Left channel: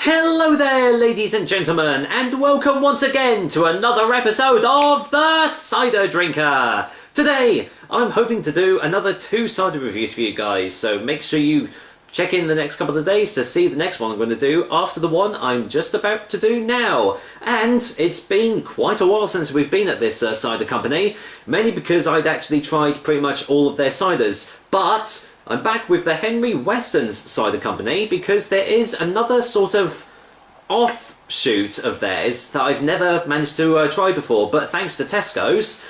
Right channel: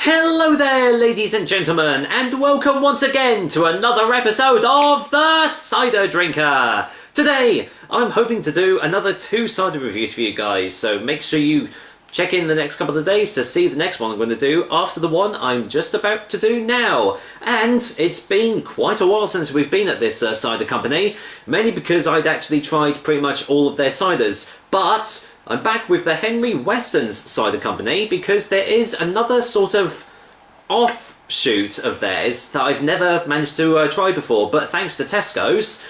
Hello there, ladies and gentlemen, and welcome once again to another episode of The Cider Drinker. Today, I'm hoping to do another 2 cider reviews for you guys, so make sure you check in the next couple of days to see the next one I'm going to do after the one I'm just about to do now. And it's been quite a while since we've been at this cider company, mainly because I'd actually tried pretty much all of their ciders, but I'm back with the Henry Westons Cider Company because there is another sort of offshoot of theirs that I've never managed to try before, but thanks to Tesco's,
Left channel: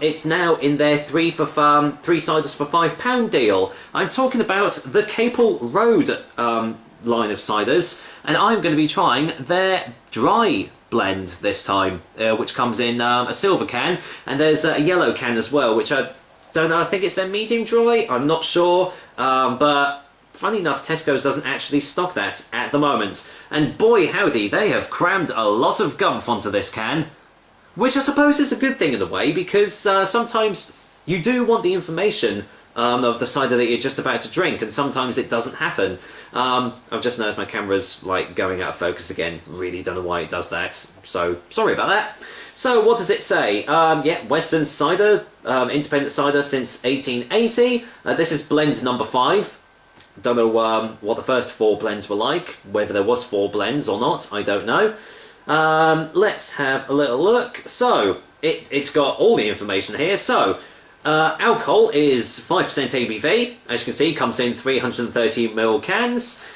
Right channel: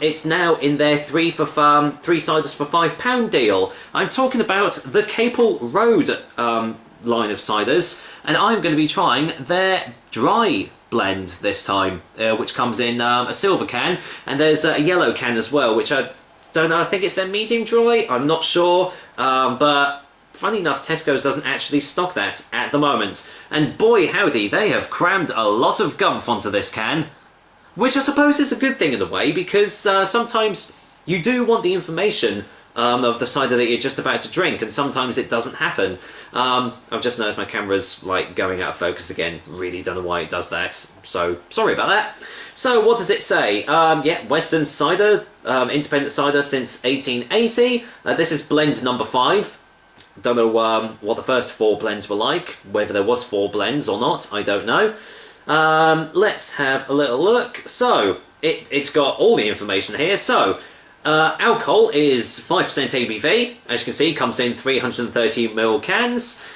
it's now in their 3 ciders for £5 deal. I'm talking about the Caple Road line of ciders, and I'm going to be trying their dry blend this time, which comes in a silver can, and there's a yellow can as well, which I don't know, I think it's their medium dry, I'm not sure, but funny enough, Tesco's doesn't actually stock that at the moment. And boy howdy, they have crammed a lot of gumph onto this can, which I suppose is a good thing in a way, because sometimes you do want the information of the cider that you're just about to drink, and sometimes it doesn't happen. I've just noticed my camera's like going out of focus again. Really don't know why it does that, so sorry about that. So what does it say? Yeah, Western cider, independent cider since 1880. This is blend number 5. Don't know what the first 4 blends were like, whether there was 4 blends or not, I don't know. Let's have a little look. So, it's got all the information here. So, alcohol is 5% ABV. As you can see, comes in 330ml cans.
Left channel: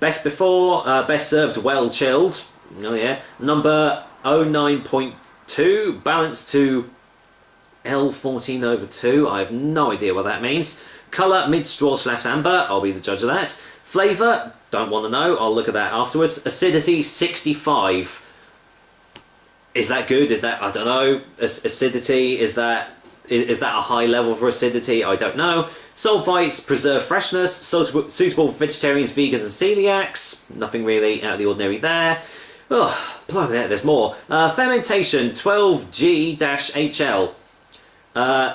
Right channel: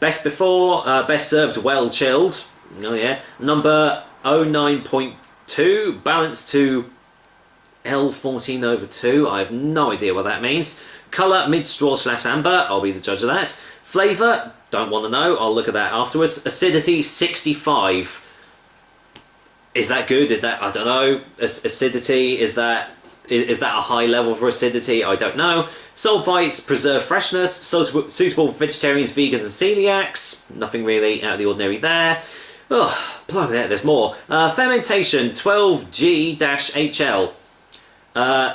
Best before, best served well chilled. Oh yeah. Number 09.2, balanced to L14/2. I have no idea what that means. Colour, mid-straw / amber. I'll be the judge of that. Flavour, don't want to know. I'll look at that afterwards. Acidity, 65. Is that good? Is that, I don't know. Acidity, is that a high level for acidity? I don't know. Sulfites, preserve freshness. Suitable for vegetarians, vegans and celiacs. Nothing really out of the ordinary there. Oh, blimey, there's more. Fermentation, 12G-HL.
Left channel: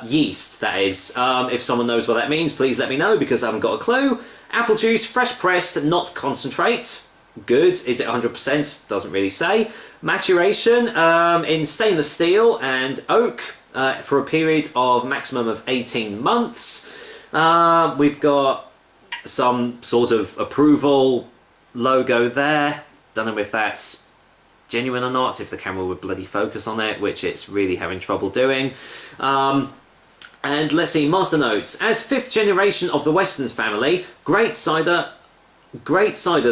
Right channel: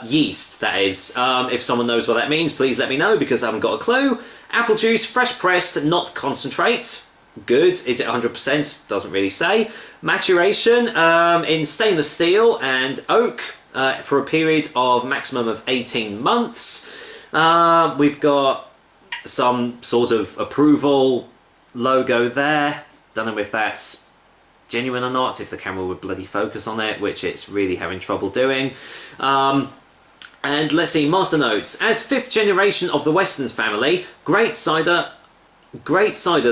Yeast, that is. If someone knows what that means, please let me know, because I haven't got a clue. Apple juice, fresh pressed, not concentrate. Good. Is it 100%? Doesn't really say. Maturation in stainless steel and oak for a period of maximum of 18 months. We've got some sort of approval logo there. Don't know if that's genuine or not, if the camera would bloody focus on it, which it's really having trouble doing. And let's see, master notes. As 5th generation of the Westons family, great ciders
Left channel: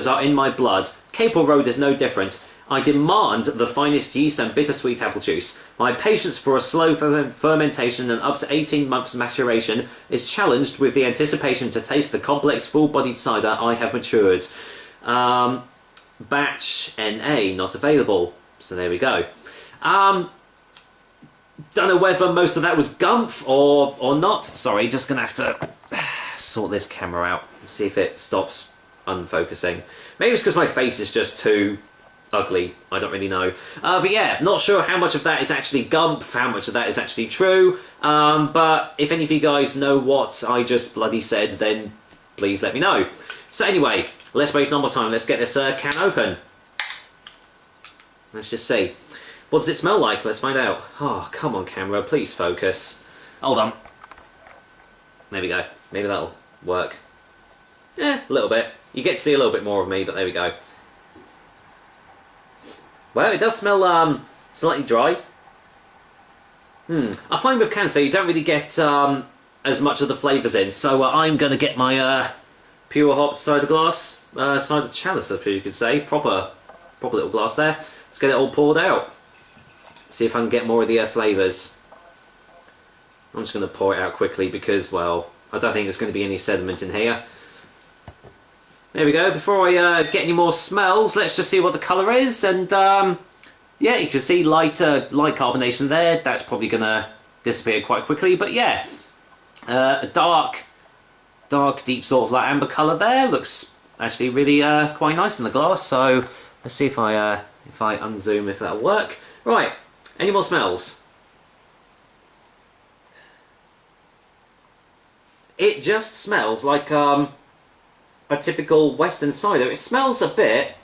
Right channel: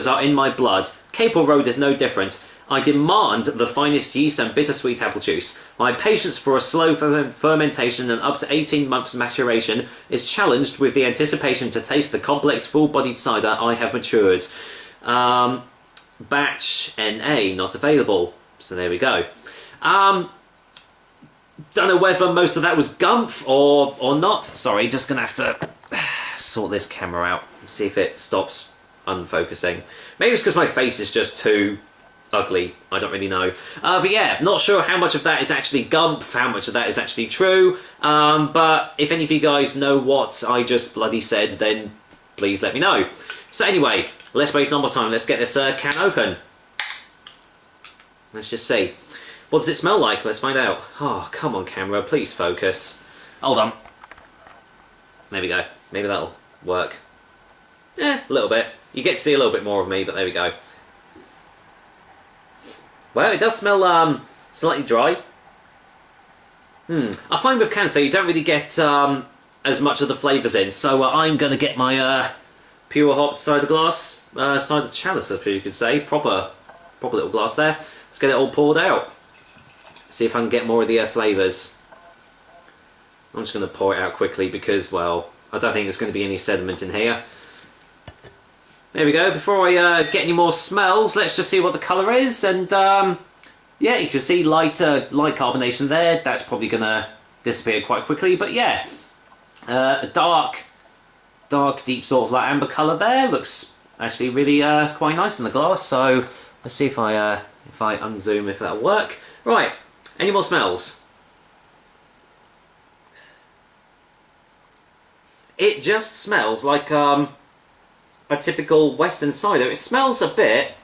are in my blood. Caple Road is no different. I demand the finest yeast and bittersweet apple juice. My patience for a slow fermentation and up to 18 months maturation is challenged with the anticipation to taste the complex, full-bodied cider I have matured. Batch NA not available, so there we go. Don't know whether most of that was gumph or not. Sorry, just gonna have to sort this camera out, see if it stops unfocusing. Maybe it's because my face is just too ugly, I don't really know. But yeah, not sure how much of that is actually gumph, how much of that is actually true. But if any of you guys know what I just bloody said, then please let me know. So anyway, let's waste no more time. Let's get this can open. Let's just see. What does it smell like? Let's find out. Oh, come on, camera. Please focus. Hold on. There we go. Maybe that'll work. A little bit. You get to see a little bit more of me, but there we go. Well, it does smell slightly dry. I find with cans, though, you don't really get as much of the flavours in. So I'm going to get my pure hop cider glass, cider chalice, I suppose you could say. Proper little glass there. Let's get it all poured out. See if I can get more of the flavours. I'm just going to pour it out quickly because, well, I don't think there's going to be any sediment in here. There we go. Before I get any more smells, let's just see what the colour is. And yeah, you can see light carbonation there. That's probably going to disappear quite quickly. But yeah, a dark, deep sort of like amber colour there. Looks actually really quite nice in the glass. So let's see if I unzoom, if that'll work. Right, any more smells? It just smells like a typical Western cider. It smells a bit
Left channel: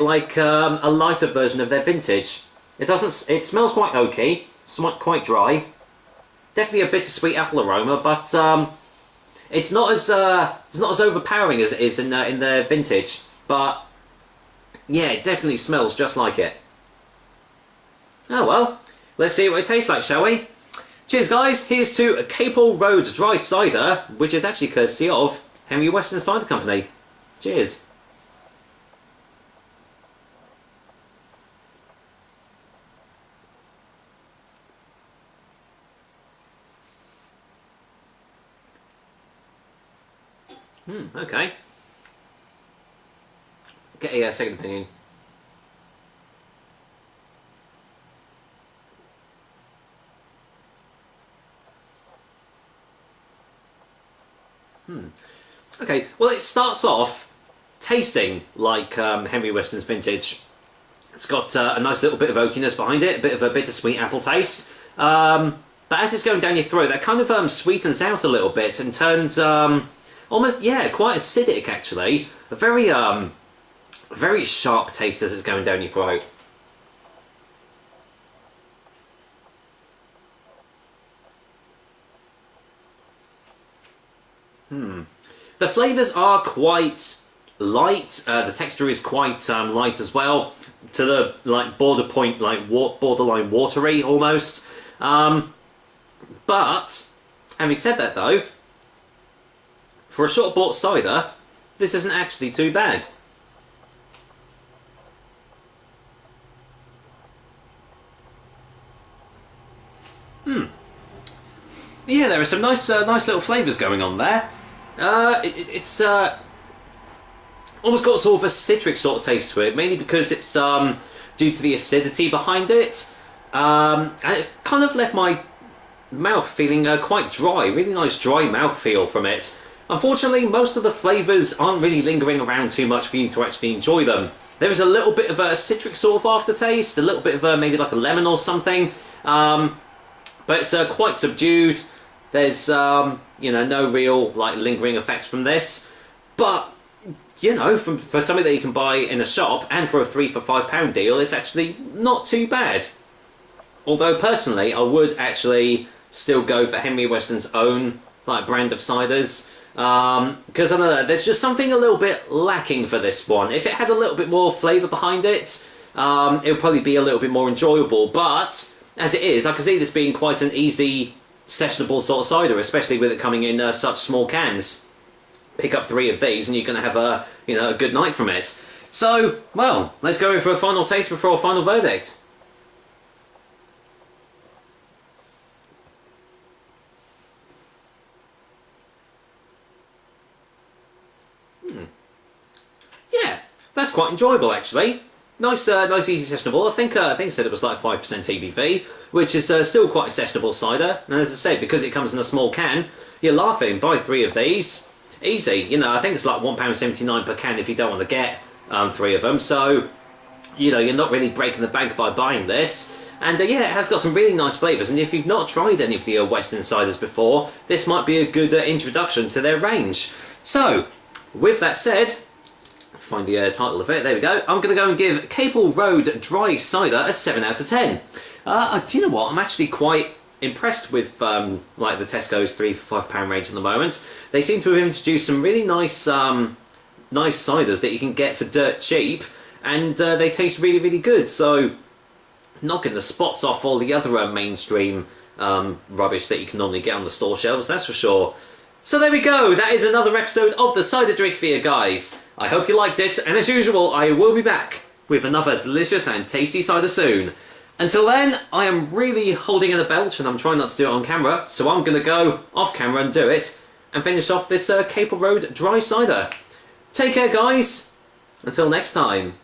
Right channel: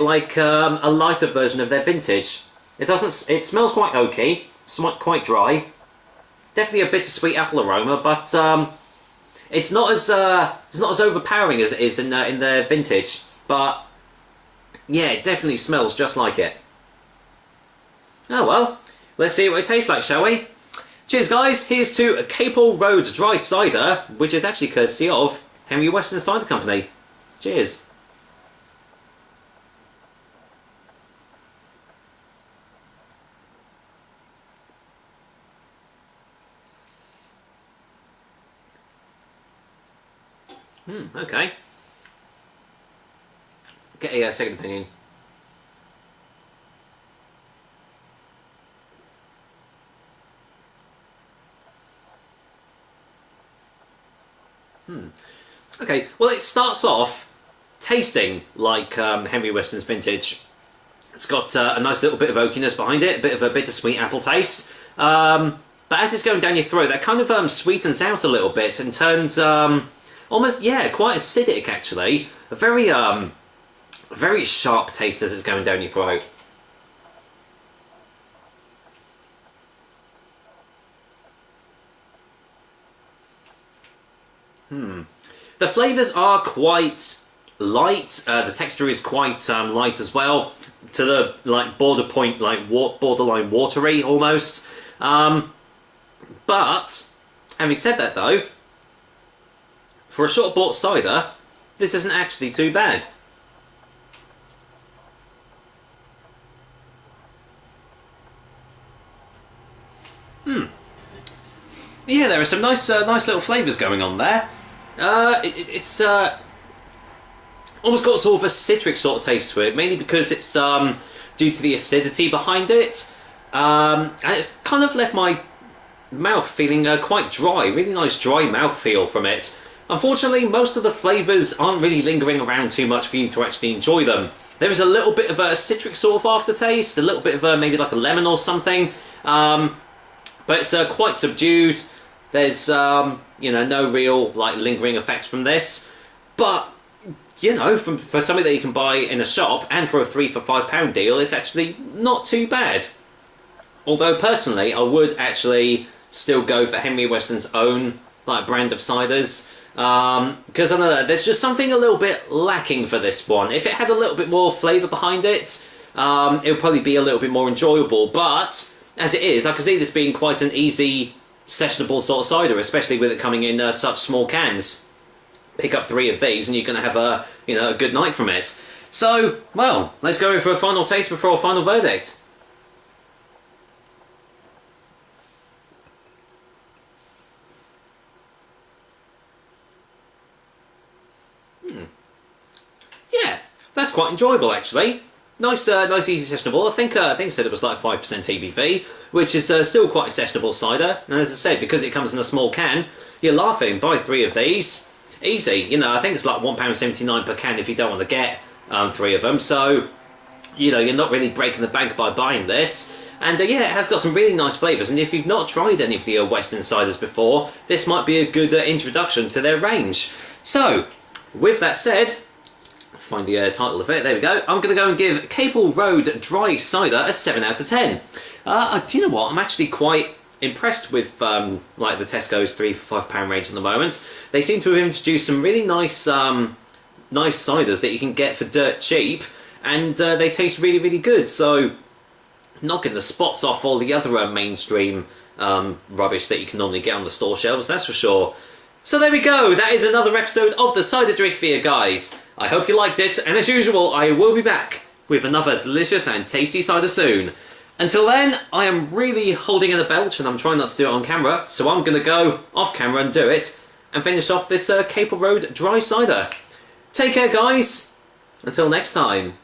like a lighter version of their vintage. It doesn't. It smells quite oaky, quite dry. Definitely a bittersweet apple aroma, but it's not as overpowering as it is in their vintage. But yeah, it definitely smells just like it. Oh well, let's see what it tastes like, shall we? Cheers, guys. Here's to a Caple Road Dry Cider, which is actually courtesy of Henry Weston Cider Company. Cheers. Okay. Get a second opinion. Okay, well, it starts off tasting like Henry Weston's vintage. It's got a nice little bit of oakiness behind it, a bit of a bittersweet apple taste. But as it's going down your throat, that kind of sweetens out a little bit and turns almost, yeah, quite acidic actually. A very sharp taste as it's going down your throat. The flavours are quite light. The texture is quite light as well, to the borderline watery almost. But having said that, though, for a short bought cider, this isn't actually too bad. Yeah, there are some nice little flavours going on there. It's almost got sort of a citric sort of taste to it, mainly because it's due to the acidity behind it, and it's kind of left my mouth feeling quite dry. Really nice dry mouthfeel from it. Unfortunately, most of the flavours aren't really lingering around too much for you to actually enjoy them. There is a little bit of a citric sort of aftertaste, a little bit of maybe like a lemon or something, but it's quite subdued. There's no real like lingering effects from this, but you know, for something that you can buy in a shop and for a 3 for £5 deal, it's actually not too bad. Although personally, I would actually still go for Henry Weston's own like brand of ciders, because I don't know, there's just something a little bit lacking for this one. If it had a little bit more flavour behind it, it would probably be a little bit more enjoyable. But as it is, I can see this being quite an easy sessionable sort of cider, especially with it coming in such small cans. Pick up 3 of these and you're going to have a good night from it. So, well, let's go in for a final taste before a final verdict. Yeah, that's quite enjoyable actually. Nice, easy sessionable. I think I said it was like 5% ABV, which is still quite a sessionable cider. And as I said, because it comes in a small can, you're laughing. Buy 3 of these, easy. You know, I think it's like £1.79 per can if you don't want to get 3 of them. So, you know, you're not really breaking the bank by buying this. And yeah, it has got some really nice flavours. And if you've not tried any of the Western ciders before, this might be a good introduction to their range. So, with that said, find the title of it, there we go. I'm going to go and give Caple Road Dry Cider a 7 out of 10. Do you know what? I'm actually quite impressed with like the Tesco's 3 for £5 range at the moment. They seem to have introduced some really nice ciders that you can get for dirt cheap, and they taste really, really good. So, knocking the spots off all the other mainstream rubbish that you can normally get on the store shelves, that's for sure. So there we go, that is another episode of the Cider Drink for you guys. I hope you liked it, and as usual, I will be back with another delicious and tasty cider soon. Until then, I am really holding in a belch, and I'm trying not to do it on camera, so I'm going to go off camera and do it, and finish off this Caple Road Dry Cider. Take care, guys. Until next time.